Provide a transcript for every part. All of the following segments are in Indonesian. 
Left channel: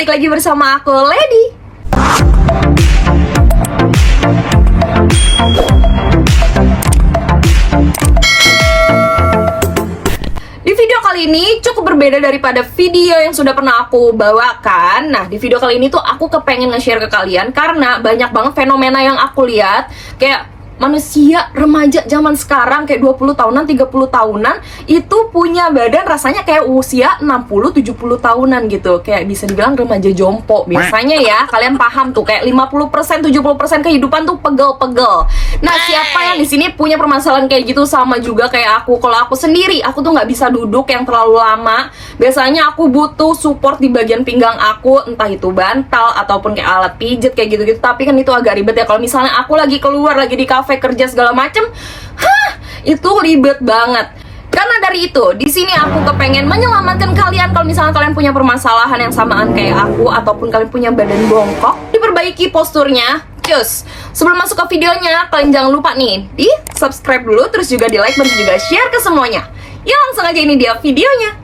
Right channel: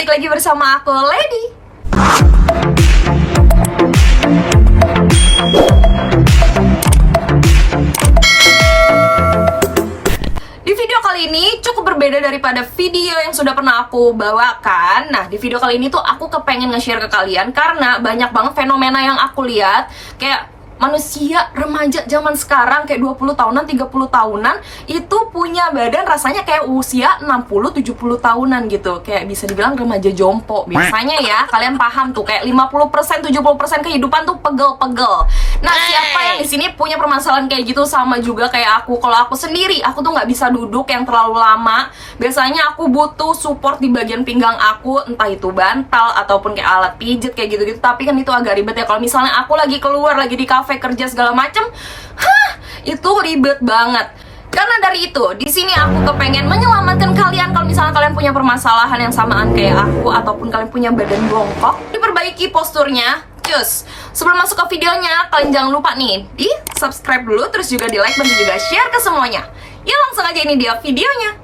balik lagi bersama aku, Lady. Di video kali ini cukup berbeda daripada video yang sudah pernah aku bawakan. Nah, di video kali ini tuh aku kepengen nge-share ke kalian karena banyak banget fenomena yang aku lihat. Kayak manusia remaja zaman sekarang kayak 20 tahunan, 30 tahunan itu punya badan rasanya kayak usia 60, 70 tahunan gitu. Kayak bisa dibilang remaja jompo. Biasanya ya, kalian paham tuh kayak 50%, 70% kehidupan tuh pegel-pegel. Nah, siapa yang di sini punya permasalahan kayak gitu sama juga kayak aku. Kalau aku sendiri, aku tuh nggak bisa duduk yang terlalu lama. Biasanya aku butuh support di bagian pinggang aku, entah itu bantal ataupun kayak alat pijet kayak gitu-gitu. Tapi kan itu agak ribet ya. Kalau misalnya aku lagi keluar, lagi di kafe kerja segala macem, itu ribet banget. Karena dari itu, di sini aku kepengen menyelamatkan kalian kalau misalnya kalian punya permasalahan yang samaan kayak aku ataupun kalian punya badan bongkok, diperbaiki posturnya. Cus, sebelum masuk ke videonya, kalian jangan lupa nih di subscribe dulu, terus juga di like dan juga share ke semuanya. Ya langsung aja, ini dia videonya.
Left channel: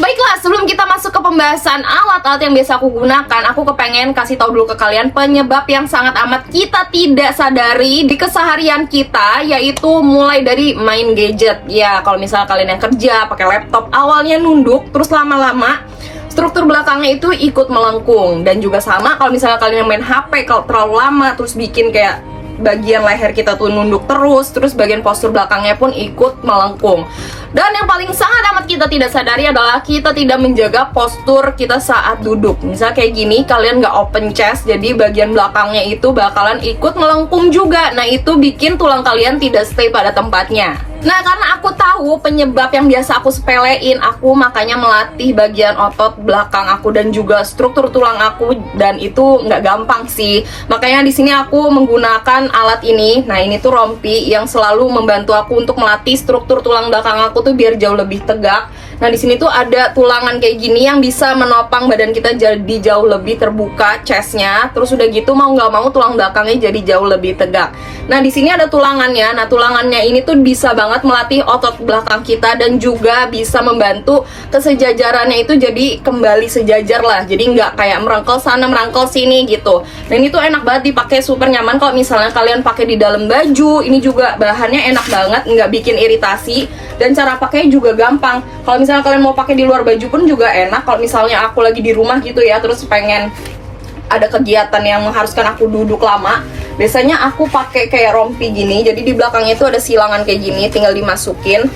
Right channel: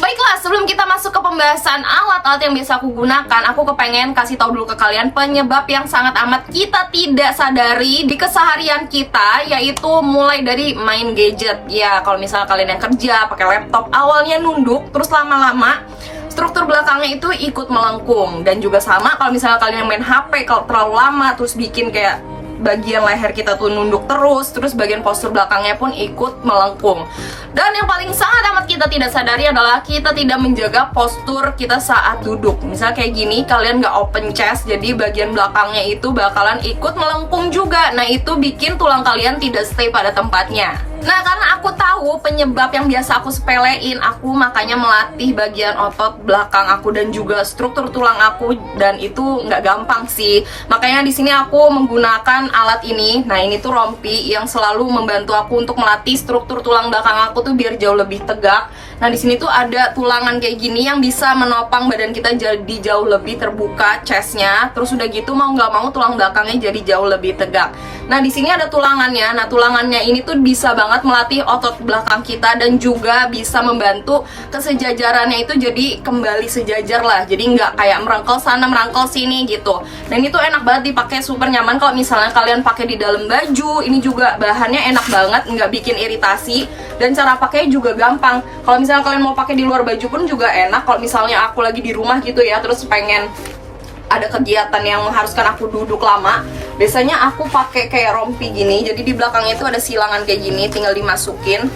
Baiklah, sebelum kita masuk ke pembahasan alat-alat yang biasa aku gunakan, aku kepengen kasih tahu dulu ke kalian penyebab yang sangat amat kita tidak sadari di keseharian kita, yaitu mulai dari main gadget. Ya, kalau misalnya kalian yang kerja pakai laptop, awalnya nunduk, terus lama-lama struktur belakangnya itu ikut melengkung. Dan juga sama kalau misalnya kalian yang main HP, kalau terlalu lama terus bikin kayak bagian leher kita tuh nunduk terus bagian postur belakangnya pun ikut melengkung. Dan yang paling sangat amat kita tidak sadari adalah kita tidak menjaga postur kita saat duduk. Misalnya kayak gini, kalian nggak open chest, jadi bagian belakangnya itu bakalan ikut melengkung juga. Nah, itu bikin tulang kalian tidak stay pada tempatnya. Nah, karena aku tahu penyebab yang biasa aku sepelein, aku makanya melatih bagian otot belakang aku dan juga struktur tulang aku, dan itu nggak gampang sih. Makanya di sini aku menggunakan alat ini. Nah, ini tuh rompi yang selalu membantu aku untuk melatih struktur tulang belakang aku tuh biar jauh lebih tegak. Nah, di sini tuh ada tulangan kayak gini yang bisa menopang badan kita jadi jauh lebih terbuka chestnya. Terus udah gitu mau nggak mau tulang belakangnya jadi jauh lebih tegak. Nah, di sini ada tulangannya. Nah, tulangannya ini tuh bisa banget melatih otot belakang kita dan juga bisa membantu kesejajarannya itu jadi kembali sejajar lah. Jadi nggak kayak merangkel sana merangkel sini gitu. Dan itu enak banget dipakai, super nyaman kalau misalnya kalian pakai di dalam baju. Ini juga bahannya enak banget, nggak bikin iritasi. Dan cara pakainya juga gampang. Kalau misalnya kalian mau pakai di luar baju pun juga enak. Kalau misalnya aku lagi di rumah gitu ya, terus pengen ada kegiatan yang mengharuskan aku duduk lama, biasanya aku pakai kayak rompi gini. Jadi di belakangnya itu ada silangan kayak gini, tinggal dimasukin.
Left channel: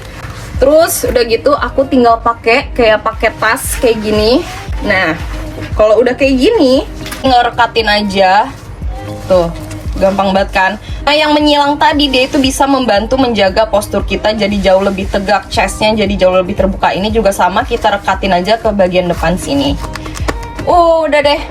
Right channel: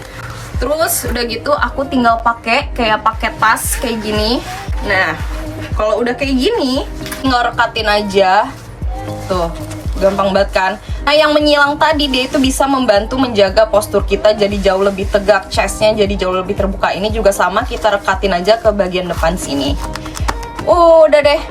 Terus udah gitu aku tinggal pakai tas kayak gini. Nah, kalau udah kayak gini, tinggal rekatin aja. Tuh, gampang banget kan? Nah, yang menyilang tadi dia itu bisa membantu menjaga postur kita jadi jauh lebih tegak, chestnya jadi jauh lebih terbuka. Ini juga sama, kita rekatin aja ke bagian depan sini. Udah deh.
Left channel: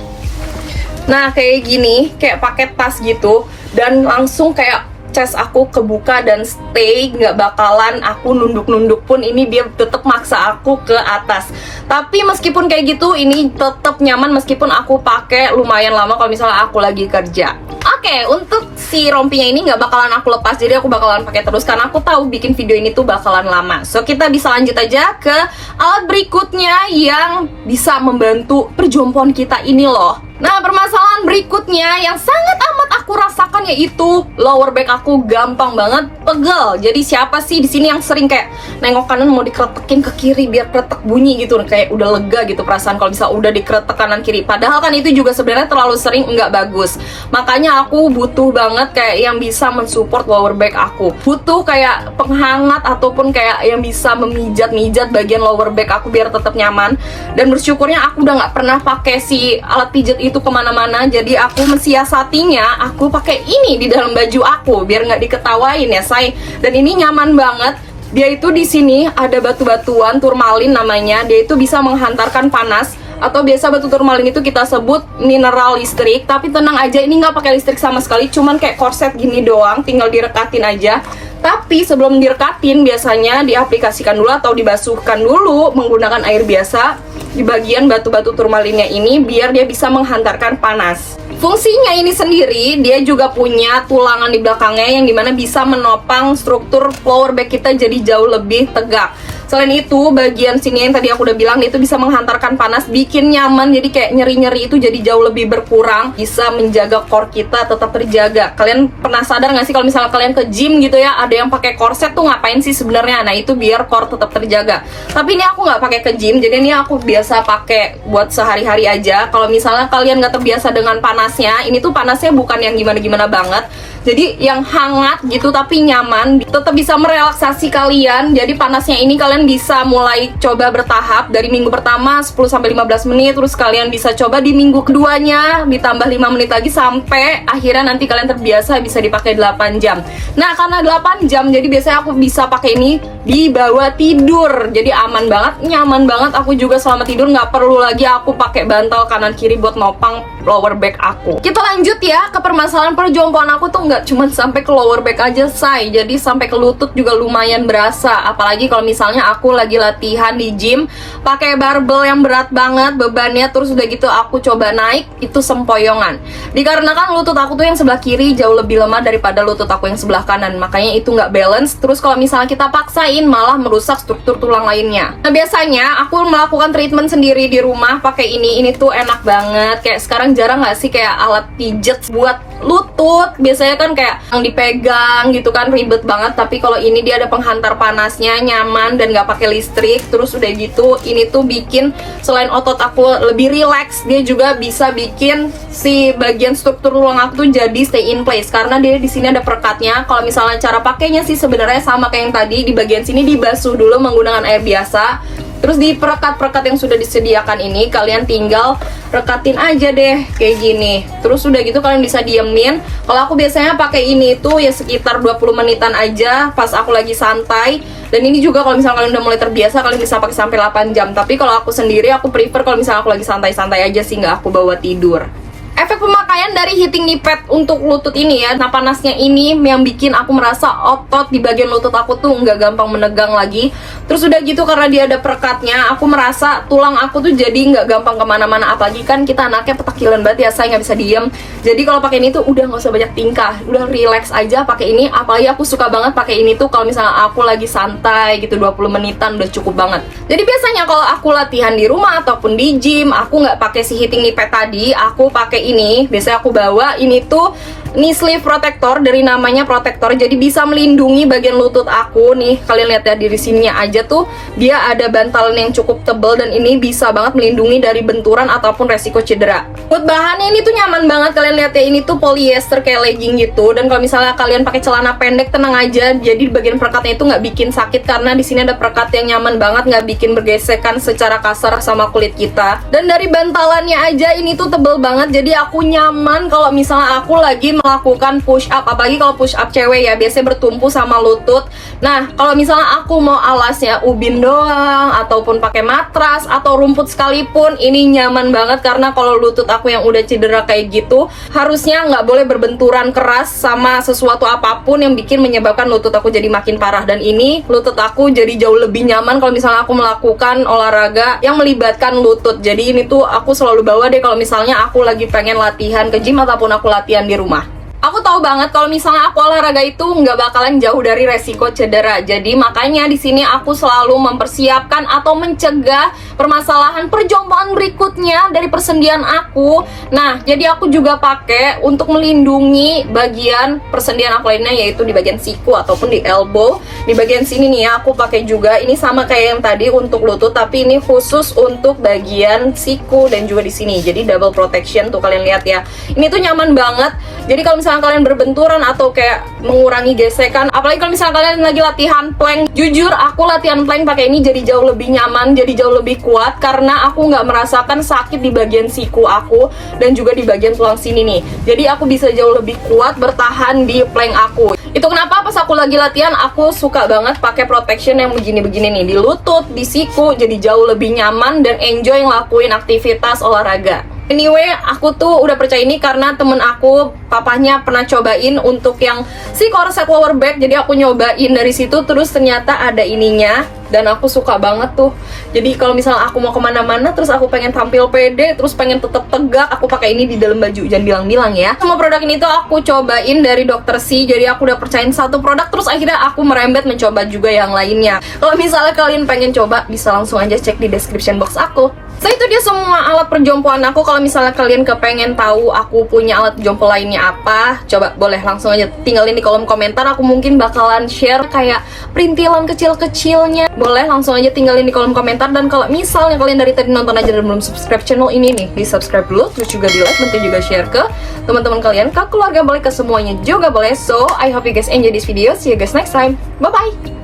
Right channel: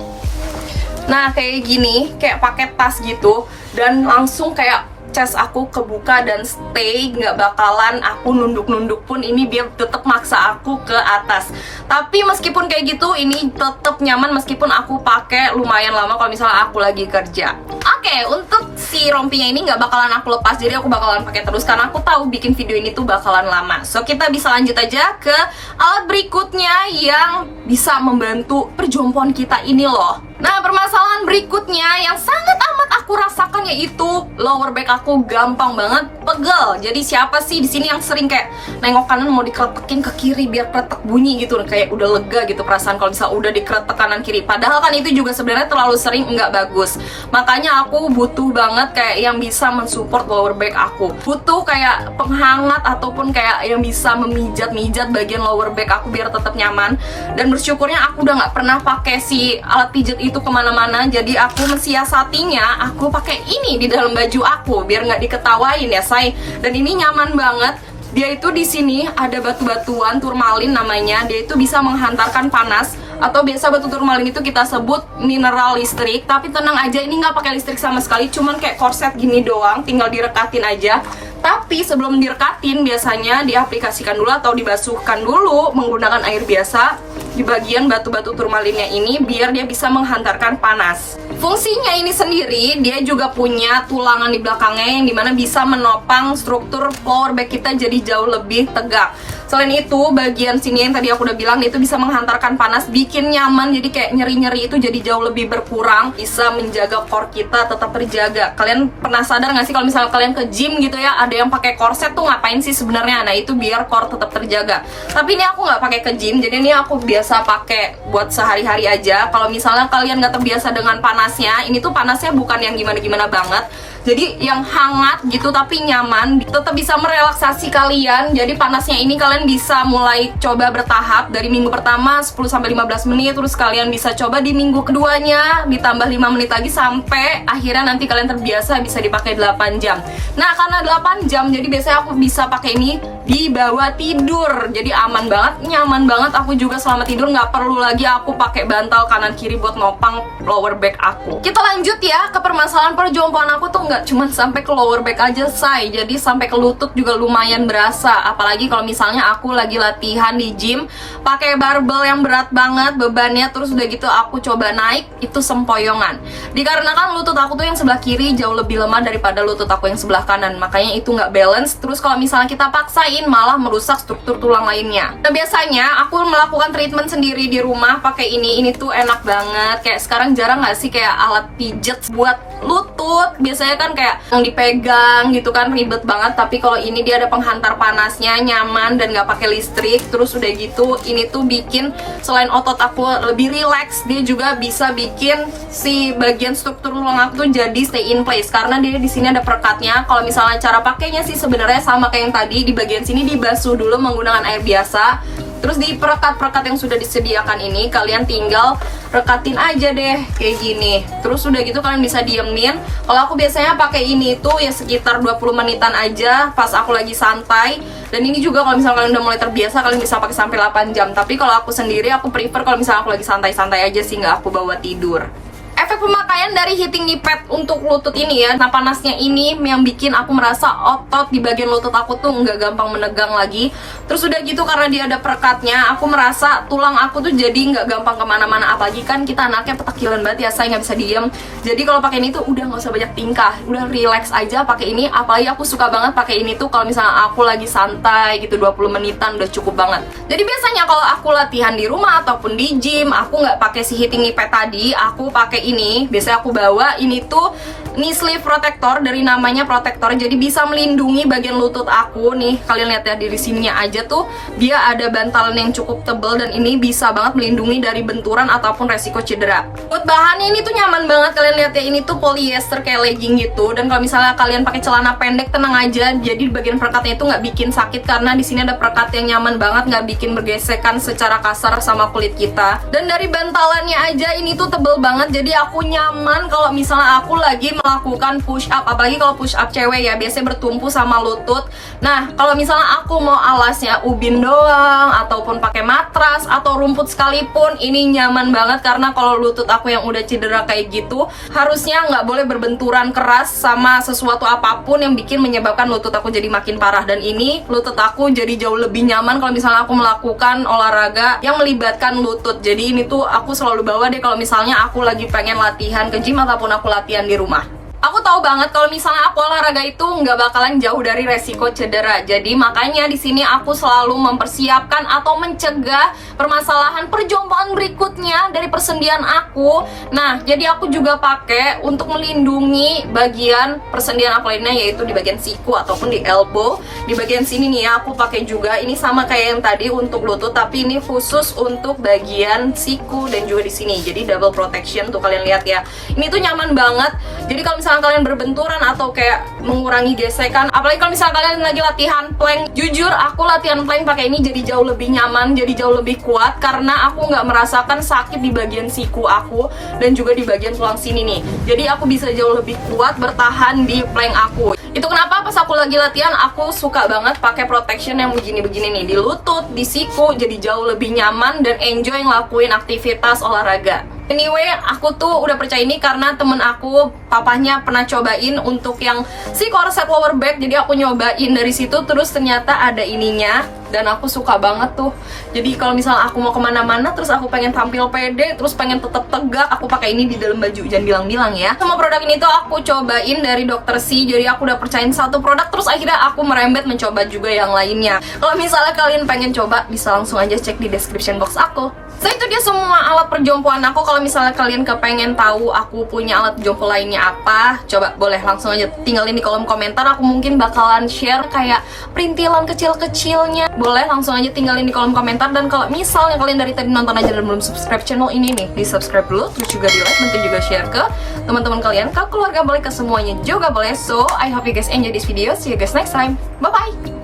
Nah, kayak gini, kayak pakai tas gitu, dan langsung kayak chest aku kebuka dan stay, nggak bakalan aku nunduk-nunduk pun ini dia tetap maksa aku ke atas. Tapi meskipun kayak gitu, ini tetap nyaman meskipun aku pakai lumayan lama kalau misalnya aku lagi kerja. Oke, untuk si rompinya ini nggak bakalan aku lepas, jadi aku bakalan pakai terus karena aku tahu bikin video ini tuh bakalan lama. So, kita bisa lanjut aja ke alat berikutnya yang bisa membantu perjompoan kita ini loh. Nah, permasalahan berikutnya yang sangat amat aku rasakan yaitu lower back aku gampang banget pegel. Jadi siapa sih di sini yang sering kayak nengok kanan mau dikretekin ke kiri biar kretek bunyi gitu, kayak udah lega gitu perasaan kalau misalnya udah dikretek kanan kiri. Padahal kan itu juga sebenarnya terlalu sering nggak bagus. Makanya aku butuh banget kayak yang bisa mensupport lower back aku. Butuh kayak penghangat ataupun kayak yang bisa memijat-mijat bagian lower back aku biar tetap nyaman. Dan bersyukurnya aku udah nggak pernah pakai si alat pijat itu kemana-mana, jadi aku mensiasatinya aku pakai ini di dalam baju aku biar nggak diketawain ya say. Dan ini nyaman banget. Dia itu di sini ada batu-batuan turmalin namanya. Dia itu bisa menghantarkan panas, atau biasa batu turmalin itu kita sebut mineral listrik. Tapi tenang aja, ini nggak pakai listrik sama sekali, cuman kayak korset gini doang, tinggal direkatin aja. Tapi sebelum direkatin biasanya diaplikasikan dulu atau dibasuhkan dulu menggunakan air biasa di bagian batu-batu turmalinnya ini biar dia bisa menghantarkan panas. Fungsinya ini sendiri, dia juga punya tulangan di belakangnya yang dimana bisa menopang struktur lower back kita jadi jauh lebih tegak. Selain itu, bagian sini yang tadi aku udah bilang itu bisa menghantarkan panas, bikin nyaman, jadi kayak nyeri-nyeri itu jadi jauh lebih berkurang, bisa menjaga core kita tetap terjaga. Kalian pernah sadar nggak sih kalau misalnya kalian ke gym gitu ya, ada yang pakai korset tuh ngapain sih sebenarnya? Nah, itu biar core tetap terjaga. Tapi ini aku nggak pakai ke gym, jadi ini aku biasa pakai buat sehari-hari aja. Kalau misalnya kalian nggak terbiasa dengan panasnya, ini tuh panasnya bukan yang gimana-gimana banget, jadi yang hangat gitu tapi nyaman, tetap bisa merelaksasi kalian. Jadi panasnya ini kalian bisa mulai coba bertahap dari minggu pertama 10-15 menit, terus kalian bisa coba di minggu keduanya ditambah 5 menit lagi sampai akhirnya nanti kalian terbiasa bisa dipakai 8 jam. Nah, karena 8 jam jadi biasanya aku bisa pakai ini di bawah tidur. Jadi aman banget, nyaman banget. Aku juga selama tidur nggak perlu lagi aku pakai bantal kanan kiri buat nopang lower back aku. Kita lanjut ya ke permasalahan perjompoan aku tuh nggak cuma sampai ke lower back aja say, jadi sampai ke lutut juga lumayan berasa. Apalagi kalau misalnya aku lagi latihan di gym pakai barbel yang berat banget bebannya, terus udah gitu aku coba naik itu sempoyongan. Dikarenakan lutut aku tuh yang sebelah kiri jauh lebih lemah daripada lutut aku yang sebelah kanan, makanya itu nggak balance. Terus kalau misalnya kita paksain malah merusak struktur tulang lainnya. Nah, biasanya aku melakukan treatment sendiri di rumah pakai ini tuh enak banget. Kayak sekarang jarang nggak sih kayak alat pijet buat lutut, biasanya kan kayak yang dipegang gitu kan ribet banget. Tapi kalau ini dia ada penghantar panasnya, nyaman dan nggak pakai listrik. Terus udah gitu ini tuh bikin selain otot aku lebih relax, dia juga bisa bikin si bagian struktur tulang aku tuh jadi stay in place karena dia di sini ada perekatnya. Kalau misalnya cara pakainya sih sebenarnya sama kayak yang tadi, di bagian sini dibasuh dulu menggunakan air biasa. Terus di perekat-perekat yang sudah disediakan ini kalian tinggal rekatin aja deh kayak gini. Terus udah gitu kalian bisa diemin. Kalau aku biasanya pakai ini tuh ya sekitar 20 menitan aja pas aku lagi santai. Dan ini juga kalau misalnya kalian udah mulai terbiasa kalian bisa pakai sampai 8 jam. Tapi kalau aku sendiri aku prefer kalau misalnya aku lagi santai-santai aja sih, nggak aku bawa tidur. Efek pemakaian dari heating knee pad untuk lutut ini ya, nah panasnya ini yang bikin aku merasa otot di bagian lutut aku tuh nggak gampang menegang lagi. Terus udah gitu karena dia ada perekatnya, aku merasa tulang aku tuh jadi nggak gampang kemana-mana. Apalagi kan kita anaknya petakilan banget ya, saya nggak bisa diem. Jadi kalau pakai ini tuh udah nggak usah banyak tingkah, udah relax aja pakai ini. Apalagi aku suka banget pakai ini tuh kalau misalnya aku lagi santai gitu 20 menitan udah cukup banget. Jadi biasanya kalau aku latihan di rumah ataupun di gym, aku nggak pakai si heating knee pad tadi, aku pakai ini. Biasanya aku bawa ini tuh knee sleeve protector, dari namanya protector, jadi bisa melindungi bagian lutut aku nih. Kalian lihat ya, di sininya aja tuh dia ada bantalan yang cukup tebal dan ini bisa banget melindungi dari benturan ataupun resiko cedera. Buat bahannya ini tuh nyaman banget, kalian lihat ya, ini tuh polyester kayak legging gitu. Dan kalau misalnya kalian pakai celana pendek tenang aja, jadi di bagian perekatnya itu nggak bikin sakit karena di sini ada perekat yang nyaman banget, nggak bikin bergesekan secara kasar sama kulit kita. Dan dari bantalannya aja ini tuh tebel banget, jadi aku nyaman kalau misalnya aku lagi melakukan push up. Apalagi kalau push up cewek ya, biasanya bertumpu sama lutut. Nah, kalau misalnya aku mau alasnya ubin doang ataupun pakai matras atau rumput sekalipun, ini nyaman banget karena kalau lutut aku yang udah cedera kayak gitu, harusnya nggak boleh berbenturan keras sama sesuatu apapun yang bikin menyebabkan lutut aku jadi makin parah. Dan ini lutut aku jadi jauh lebih nyaman kalau misalnya aku melakukan olahraga yang melibatkan lutut. Jadi ini tuh aku selalu bawa deh kalau misalnya aku lagi pengen latihan ke gym ataupun aku latihan di rumah. Aku tahu banget kalau misalnya aku olahraga itu nggak bakalan jauh dari resiko cedera. Jadi makanya di sini aku selalu mempersiapkan atau mencegah permasalahan perjompoan berikutnya dari persendian aku. Nah, jadi aku juga pakai untuk melindungi bagian persendian aku lainnya, yaitu di bagian siku ataupun di elbow. Di bagian sini nih ya, aku pakai juga. Ini sama kayak yang tadi untuk lutut, tapi ini khusus untuk bagian siku dan juga di sini. Jadi double protection tuh, kalian lihat ya. Ini tuh nyaman banget. Jadi kalau misalnya kalian berbenturan atau kayak mengurangi gesekan, apalagi kalau misalnya kalian lagi latihan plank, jujur aku latihan plank pakai ini jadi jauh lebih nyaman, jadi jauh lebih kuat karena aku nggak merasakan sakit di bagian siku aku dan juga di bagian tulang sini nih. Jadi aku bisa jauh lebih kuat bertahan di plank aku. Itu kenapa pas aku lagi latihan aku suka banget pakai protection yang begini-begini nih di lutut, di siku, jadi jauh lebih nyaman dan enjoy ngelakuin aktivitas olahraga. Anyway, aku tuh udah percaya ini karena temen aku, papahnya pernah cobain untuk yang si corset lower back. Jadi aku nyobain dari situ, terus ternyata ada ininya. Dan aku suka banget tuh. Jadi kalau misalnya aku mau kemana-mana, terus aku pengen tampil pede, terus pengen tetep tegak, aku pakai ini di dalam baju. Jangan bilang-bilang ya. Semua produk ini tuh aku cobain dari Dr. C. Jadi aku udah percayain satu produk, terus akhirnya aku merembet mencoba juga yang lainnya. Kalau misalnya kalian pengen coba, bisa langsung aja cek di description box aku. So itu dia semua alat perjompoan aku. Kalau misalnya kalian kepengen tahu aku punya alat jompo lainnya apa, coba boleh langsung aja tinggalin di kolom komentar. Aku mungkin bakalan share kayak perintilan kecil-kecilnya. Boleh langsung aja tinggalin di kolom komentar. Dan kalau misalnya kalian dari tadi nonton aja dan belum subscribe channel ini nih, di subscribe dulu, terus juga di like, nanti juga share ke teman-teman kalian, ke keluarga boleh, ke semuanya juga boleh. So I hope you guys enjoy this video. See you guys next time. Bye bye.